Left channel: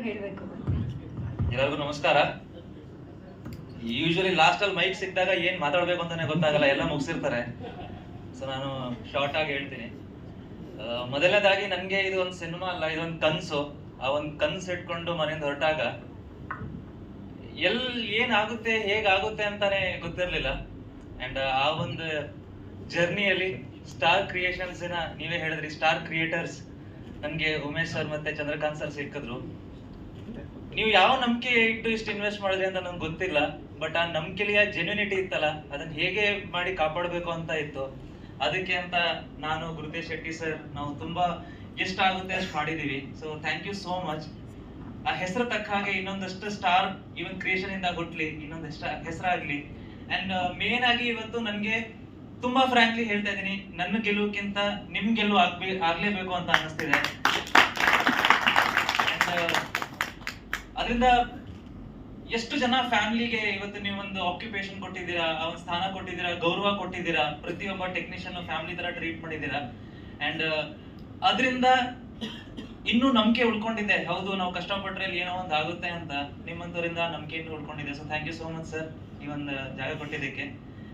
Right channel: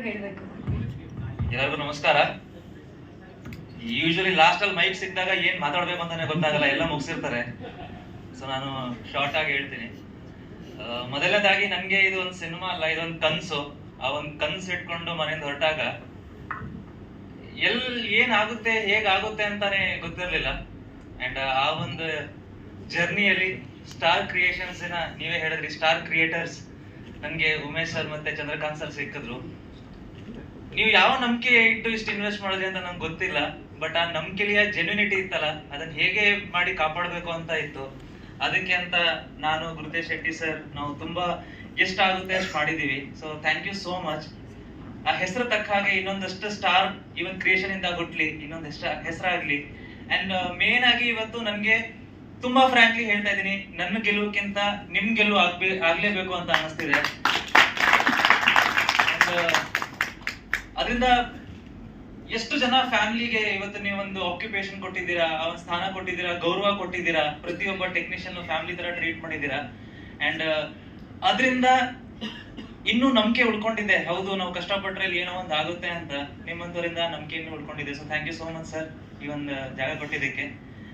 ಎಲ್ಲರಿಗೂ ನಮಸ್ಕಾರ. Usually last ಅಲ್ಲಿ ಮೈಕ್ ಸಿಕ್ಕಿದಾಗ ಏನ್ ಮಾತಾಡ್ಬೇಕು ಅಂತಾನೆ ಗೊತ್ತಾಗಲ್ಲ, ಎಲ್ಲ ಮುಗಿಸಿರ್ತಾರೆ. ಸೊ ನಾನು ಶಾರ್ಟ್ ಆಗಿ ಹೇಳ್ತೀನಿ. ಮೊದಲನೇದಾಗಿ ನನಗೆ ಇದು ಒಂದು ಸಿನಿಮಾ ಅಲ್ಲ ಇದೊಂದು ಕನ್ಸು. ಆ ಒಂದು ಕನ್ಸು ಇಟ್ಕೊಂಡು ಮನೆಯಿಂದ ಹೊರಟಾಗ ಎಲ್, ಏನಾಗುತ್ತೆ, ಹೇಗಾಗುತ್ತೆ ಅಂತಾನೆ ಗೊತ್ತಿರಲಿಲ್ಲ. ಅಂಡ್ ಆ ಒಂದು ಜರ್ನಿಯಲ್ಲಿ ಸ್ಟಾರ್ ಕ್ರಿಯೇಷನ್ಸ್ ನೀವೇ ಹೇಳಿದ್ರಿ ಸ್ಟಾರ್ ಕ್ರಿಯೇಟರ್ಸ್ ನನಗೆ ಉಮೇಶ್ ಸರ್ ಮತ್ತೆ ಚಂದ್ರಕಾಂತ್ ಸರ್ ಸಿಕ್ಕಿದ್ರು. ನೀವು ಯಾವ ನಂಬಿಕೆ ಇಟ್ಟು ಇಷ್ಟು ಇನ್ವೆಸ್ಟ್ ಮಾಡಿದ್ರಿ ಅಂತ ನಂಗೆ ಗೊತ್ತಿಲ್ಲ ಬಟ್ ಆ ನಂಬಿಕೆಯ ಜೆನ್ಯುನಿಟಿ ಇತ್ತಲ್ಲ, ಅದನ್ನ ಹೇಗೆ ಮಾಡಿ ಕಾಪಾಡಬೇಕು ಅಂತ ಇತ್ತು. ಅದಕ್ಕೆ ಅಂತ ನಾನು ಗುರುತೇಶ್ ಶೆಟ್ಟಿ ಸರ್ ನಾವು ತುಂಬಾ ಎಷ್ಟಾಗುತ್ತೆ ಅಷ್ಟು ಮಾಡಿದೀವಿ. So thank you so much ಆ ಹೆಸರು ತಕ್ಕ ಹಾಗೆ ಇನ್ನೊಂದಷ್ಟು ಸ್ಟಾರ್ ಇವನ್ ಕ್ರಿಯೇಷನ್ ಇಂದ ಹುಟ್ಲಿ, ಇನ್ನೊಂದಷ್ಟು ಹೆಸರಾಗ್ಲಿ. ಅಂಡ್ ಮೇನ್ ಆಗಿ ಇವತ್ತು ನನಗೆ ತುಂಬಾ ಫ್ರಾಂಕ್ಲಿ ಹೇಳ್ತಾ ಇದೀನಿ, ನನ್ನ ಗೆಲುವಕ್ಕಿಂತ ನಿಮ್ ಗೆಲುವು ಆಗ್ಬೇ, ಆಗ್ಲೇಬೇಕು ಅಂತ ಅನಿಸ್ತಿದೆ ಅದರಿಂದ ಎಷ್ಟು ಜನ ಫ್ಯಾಮಿಲಿಗೆ ಇವತ್ತು ನೀವು ಒಂದು ಆಕ್ಯುಪೇಷನ್ ಕೊಟ್ಟಿದ್ದೀರಾ ಒಂದು ಸ್ಥಾನ ಕೊಟ್ಟಿದ್ದೀರಾ, ಗೌರವ ಕೊಟ್ಟಿದ್ದೀರಾ, ಪ್ರತಿಯೊಬ್ಬ ಟೆಕ್ನಿಷಿಯನ್ ಫ್ಯಾಮಿಲಿ ತರ ಟ್ರೀಟ್ ಮಾಡಿದ್ದೀರಾ? ಅಂಡ್ ಅದರಿಂದ ಇನ್ನೂ ನಂಬಿಕೆ ಉಳ್ಕೊಂಡಿದೆ. ಹೌದು, ನಾವು ಕಷ್ಟಪಟ್ರೆ ಏನೋ ಒಂದು ಆಗುತ್ತೆ ಅಂತ ನಿಮ್ಮಂತವರಿಂದ ನಂಬಿಕೆ ಇನ್ನೂ ಉಳ್ಕೊಂಡಿದೆ. So thank you so much sir ಈ ಒಂದು ಜಾಗ ಕೊಟ್ಟಿದ್ದಕ್ಕೆ.